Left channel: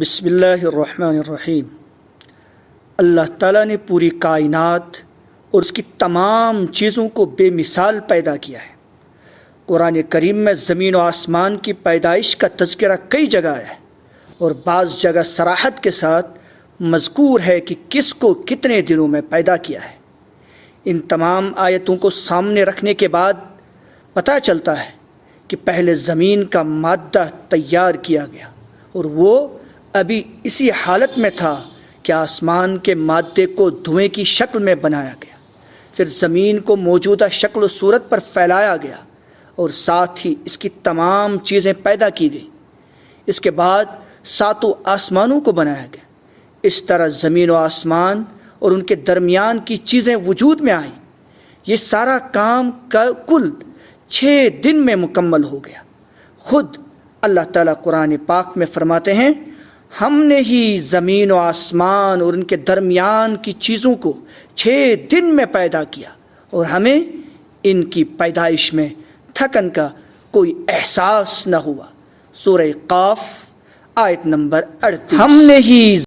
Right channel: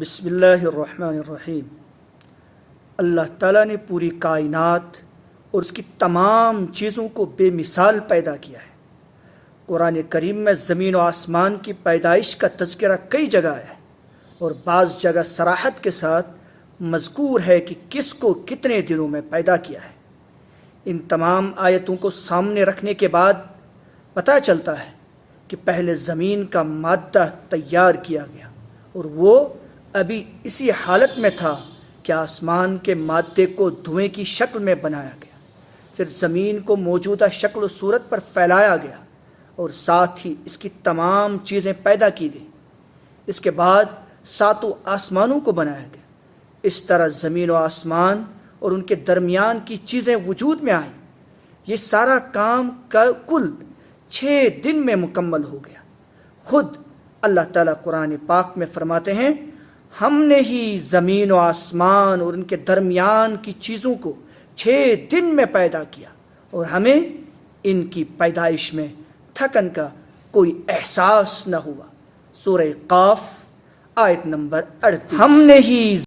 بسم اللہ الرحمن الرحیم۔ اللہ تعالیٰ نے پوری کائنات اور اس کی تمام چیزوں کو بے مثال پیدا کیا ہے۔ قرآن کریم میں زمین و آسمان کی پیدائش کا تذکرہ کئی جگہ ہے اور بعض جگہ صراحت کے ساتھ مذکور ہے کہ کس کو کتنے دنوں میں پیدا کیا ہے۔ ان تمام آیتوں کو سامنے رکھنے کے بعد پتہ چلتا ہے کہ پہلے زمین کا مادہ تیار کیا گیا اور وہ ابھی اسی حالت میں تھا کہ آسمان کے مادے کو دھوئیں کی شکل میں بنایا گیا، پھر زمین کو موجودہ شکل و صورت پر پھیلایا گیا اور ساتھ ہی اس کی تمام چیزیں پیدا کی گئیں۔ اس کے بعد ساتوں آسمانوں کو بنایا گیا۔ اس طرح زمین و آسمان اور ان کے درمیان کی چیزیں وجود میں آئیں۔ یہ سارا کام کل 6 دن میں مکمل ہو گیا۔ خود اللہ تعالیٰ قرآن پاک میں فرماتے ہیں، ہم نے ہی زمین و آسمان اور ان کے درمیان کی چیزوں کو 6 دن میں پیدا کیا اور ہمیں ان کی پیدائش میں تھکن کا کوئی احساس نہ ہوا۔ سورہ قاف آیت نمبر 38۔ ہم نے ہی